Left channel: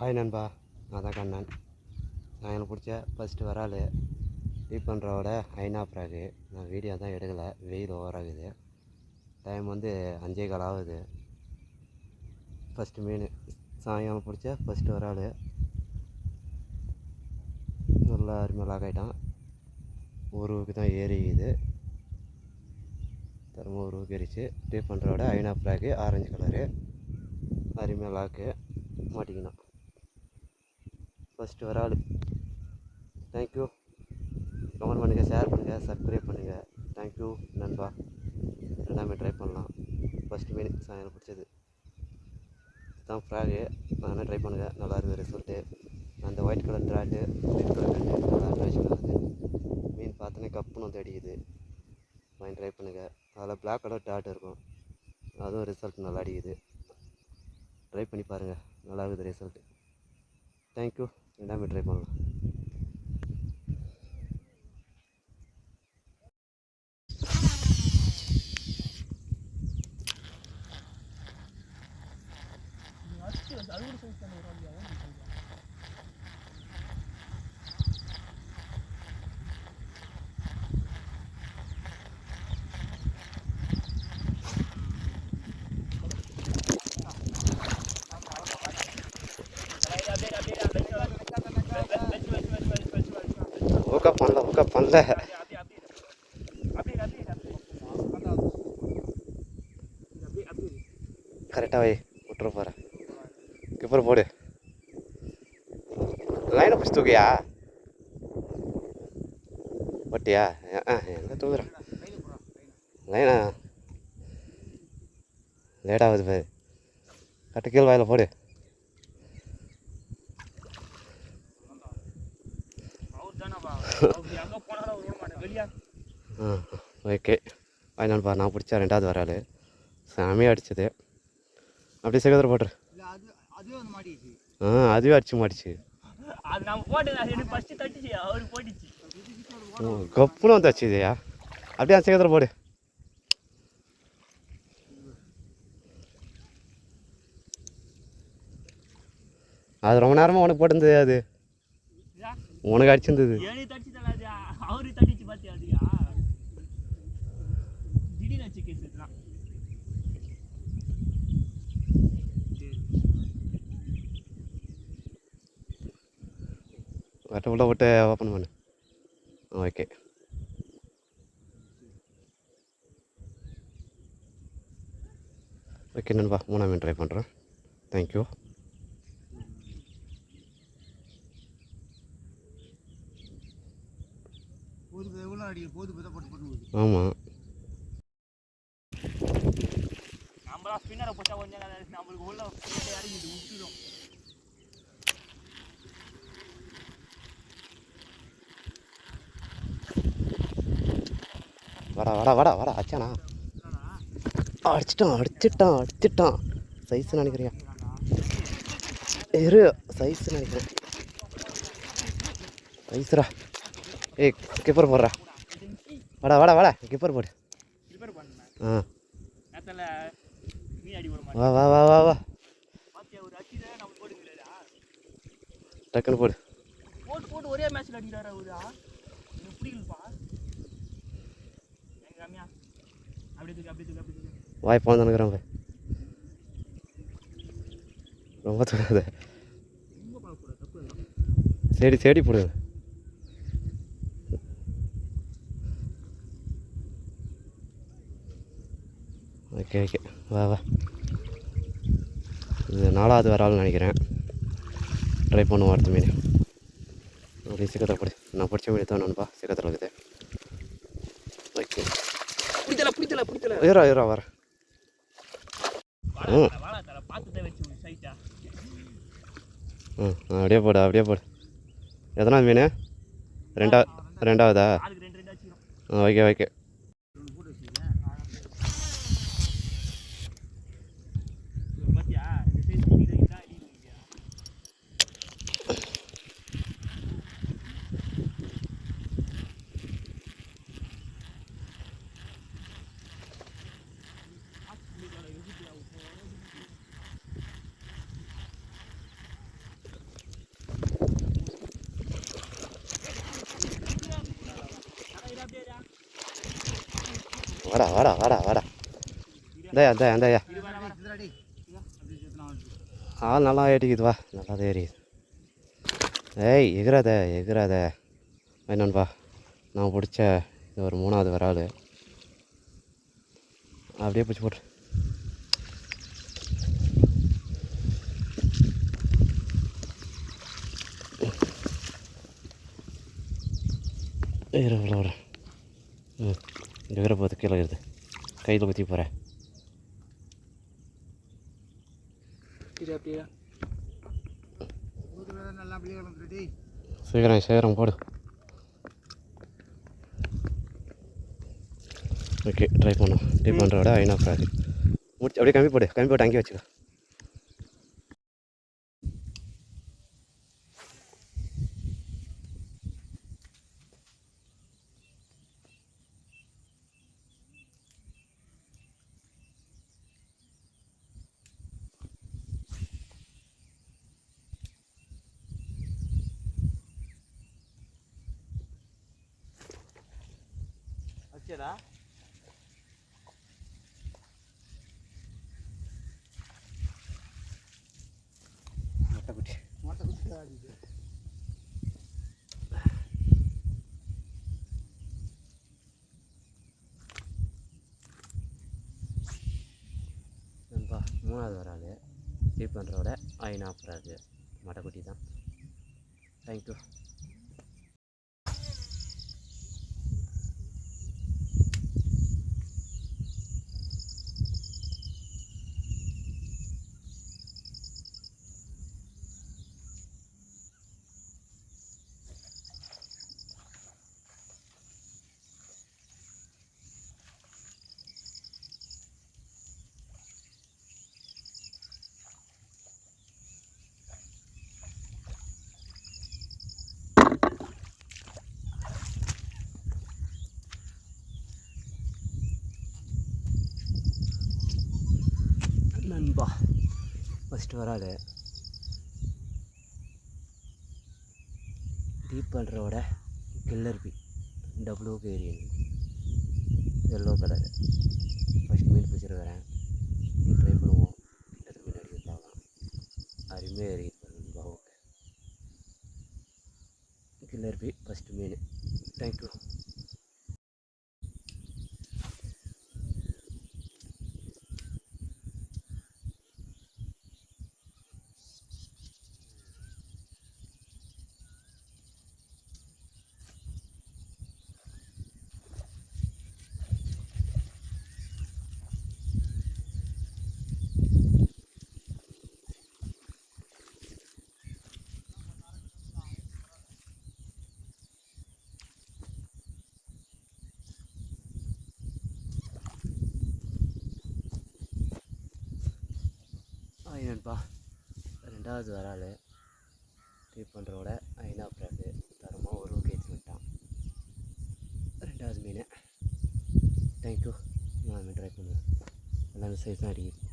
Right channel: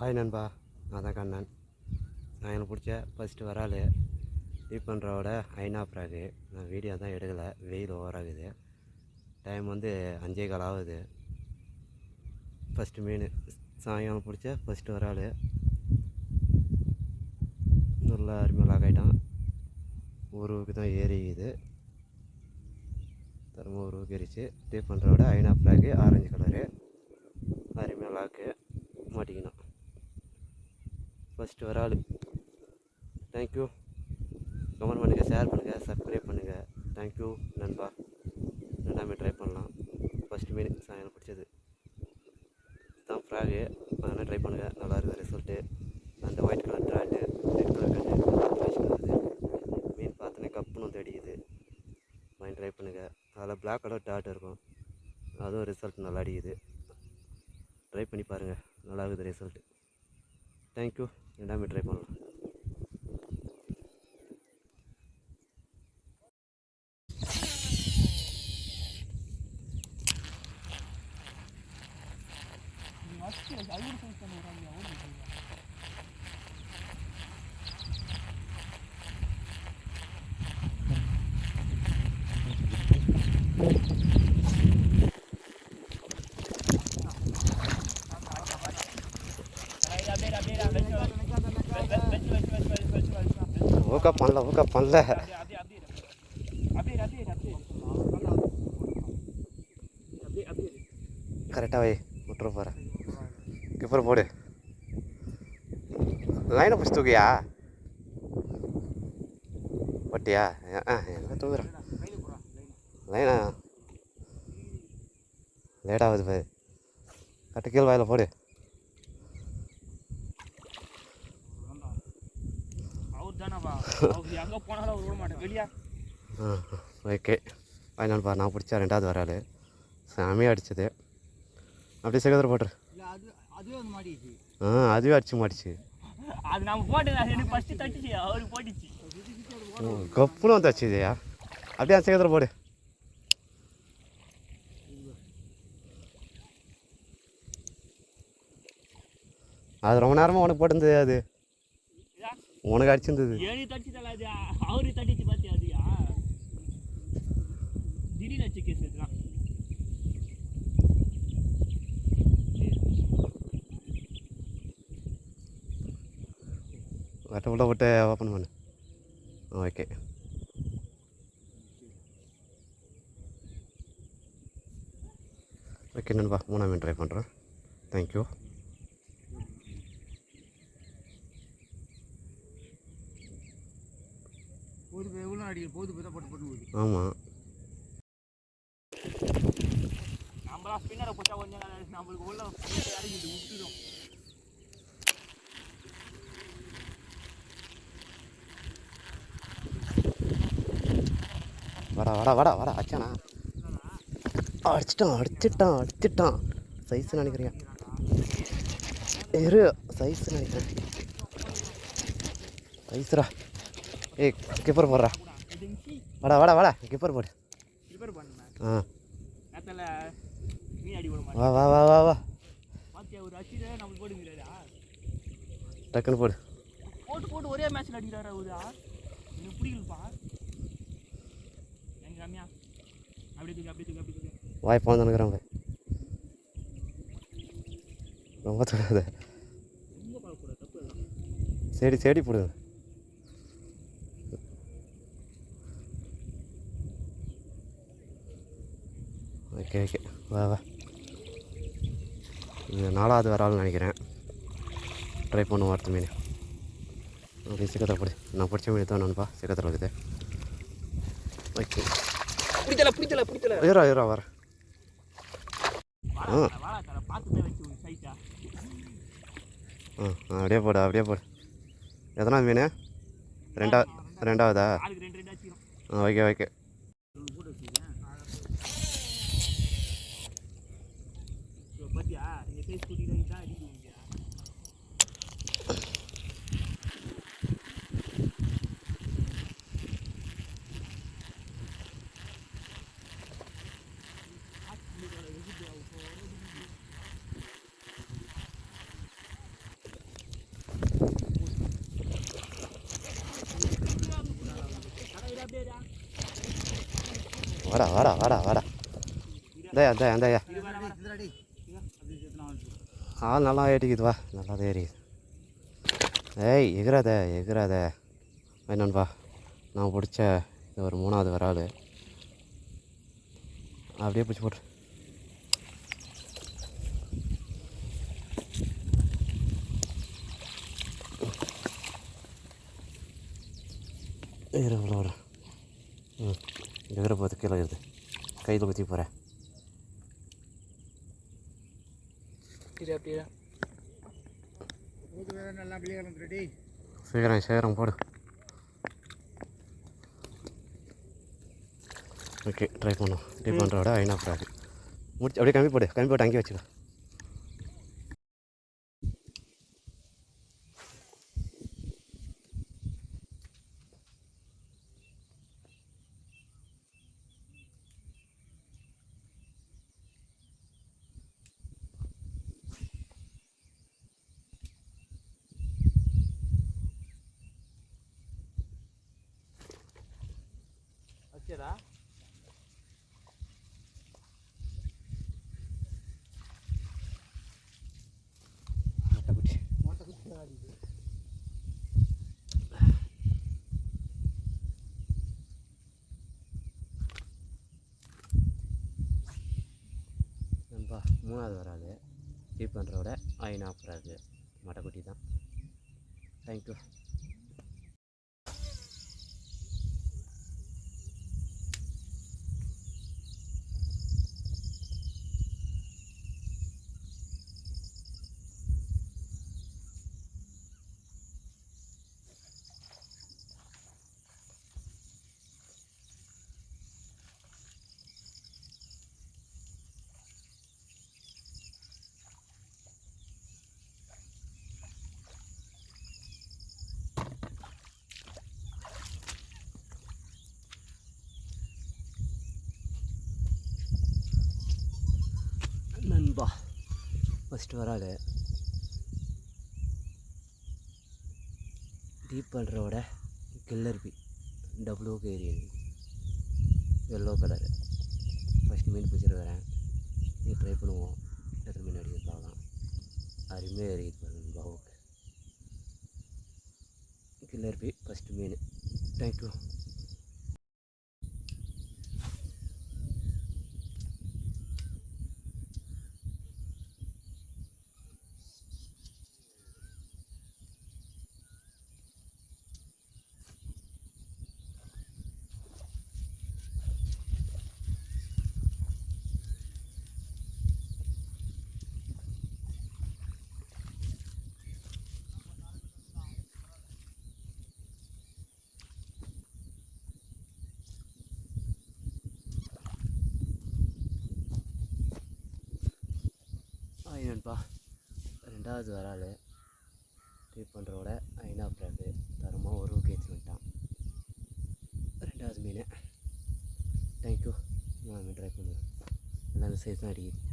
Hi நண்பா, நான் தான் கண்ணன். நான் எனக்கு பிடிச்ச ஃபஸ்ட்டு வரால் டீப் பண்ணுறவோட ஐநா ப்ராகு. நான் வீடியோ தான் எடுக்கலை, வெயில் ஓவராகுது. டைம் வந்து 5:15 ஆகுது. ஃபஸ்ட்டு மீன் சாயங்காலம் பிடிச்ச ஃபஸ்ட்டு வரால் நல்லா அருமையாக லாக் ஆகிட்டான். ஊருக்கு தான் ஏறிக்குது, திரும்ப ஊருக்கு ஏறிச்சு. டீப் பண்ணுறவோட ஐநா ப்ராகு ஆரஞ்சு கலரு அருமையாக லாக்கு மாட்டிக்கணும். ஃபஸ்ட்டு வரால். தேங்க்யூ. கமெண்ட் பண்ணுங்கள், ஷேர் பண்ணுங்கள், சப்ஸ்கிரைப் பண்ணுங்கள். தேங்க்யூ நண்பா. ரெண்டாமே ட்ரை பண்ணலாம். ஃபஸ்ட்டு மீன் சாயங்காலம் பிடிச்சது தான் ஃப்ராகு. அதனால் ட்ரை பண்ணுங்கள், நல்லா இருக்குது ரிசல்ட்டு. அந்த ஒயிட் கலர் ட்ராட்டு, ரெட் கலர் கண்டு நல்லா ஃப்ளாஷ் பண்ணுது. மீன் பார்த்தோன்னே கப்புன்னு வந்து அடிக்குது. வாங்கி ட்ரை பண்ணுங்கள். அதில் பிளாக் கலர் டாட் இருக்கும், அதுவும் ரிசல்ட் நல்லா அடிக்குது. ட்ரை பண்ணி பாருங்கள், நல்லா இருக்குது ரிசல்ட்டு. தேங்க்யூ. ரெண்டாமே ட்ரை பண்ணலாம். ஊக்கப் பண்ணல கரெக்டாக வை, விட்டுற போகிறேன். கிப்பர் போடு. லைனை பிடிச்சி தூக்கியா ஒட்டியா? எங்கே தூக்குறேன் லைனா? லேட்டாகுது பாரு. கட்டு கீழ் வாயில் போடு. ஓகே. அதனால்ப்பா நான் பிடிச்சா ரெண்டாவது வராள் சாமியாக அடிச்சது. அப்படியே சகோதரர் போட்டுரு. அதுவே அடிச்சு மாட்டிச்சு. கப்புன்னு வந்து அடிச்சுதையா. அப்படியே அந்த சகோதரர் போடு. அது ரொம்ப நேரமாக உனக்கு போட்டிருந்தது, அது உனக்கு அடிச்சிருந்தது. வட்ட உள்ள விட்டு ஓப்பன் பண்ணு. ஓகே. ஓகே நண்பா, மூணாம் மீன் ட்ரை பண்ணுறேன். தேங்க்யூ. ஆமாம், வாடா வாடா வாடா வாடா. அச்சானா அடிச்சிட்டான். சைஸ் நினைக்கிறியா? இரு, சைஸ் நினைக்கிறேன். சைஸ்ரா. ஏய், கிப்பர் போடுறா. வாடா கிப்பர் போடு. வா டக்குன்னு போடு. ஒரே மேட்ச்ல அடிக்கிறாரு அவரு. எனக்கு பிடிக்கலப்பா. வாய் போந்துக்கிறாங்க. ரொம்ப தொடாத. செடி போடு. ஓகே. வா. இது 4வது வரால்னு நினைக்கிறேன். ட்ரை பண்ணுவோம் அடுத்த மீன். ஓகே, சிக்கத்தை போடு. நான் பிடிச்ச மீன் தான் நண்பா, சிக்கத்தில் இருக்குது. ஓகே, ஏறா வரேன். அப்படியே போடு. எத்தனாவது மீன்? ரெண்டாவதா? ஓகே. வாடா வாடா வாடா வாடா இந்தாயா இந்தாயா இந்தாயா ஆள் நல்லா ஏறிக்குது வா நல்லா தான் ஏறிக்குது. ஏய் எகிறாத எகிறாத என்னன்பா நான் பிடிச்ச ஒரு 3வது வராள் அப்படியே பிடிச்சி போட்டு விட எகிற போது கீழே இருக்குது கையில் குத்தி போகிறேன். சீக்கிரம் சீக்கிரம் போடு. ஓகே ட்ரை பண்ணும் ட்ரை பண்ணுறோட ஐநா ப்ராஜெக்ட் முடிச்சு அப்படியே கம்மி போட்டு அங்கேயே வச்சுக்கோ. வச்சதா மொட்டைக்குட்டி நண்பா 3வது வராள் ட்ரீட் பண்ணுறோட ஐநா ப்ராஜெக்ட் மொட்டைக்குட்டி தான். தேங்க்யூ. நண்பா ஃபஸ்ட்டு வராள் டீப் பண்ணுறோட கில்லர் பி டபுள்யூ கேரியன் எல்லோ கலரு ஃபஸ்ட் மீன் பிடிச்சிட்டு வரேன். நீ ட்ரை பண்ணுவோம் எத்தனை மீன் அடிக்க பார்க்கலாம். அருமையாக ஏறிக்கிட்டு பாருங்க நண்பா. ஓகே கில்லர் பி ஃபஸ்ட்டு மீன். தேங்க்யூ. நண்பா 2வது வராள் ட்ரீட் பண்ணுறோட ஐநா ப்ராக்கு தரமாக ஒரு கேஜி விட்டான். 2வது மீன். தேங்க்யூ. நான் ட்ரை பண்ணுவேன். எல்லாமே சைஸ் தான் அடிக்குது.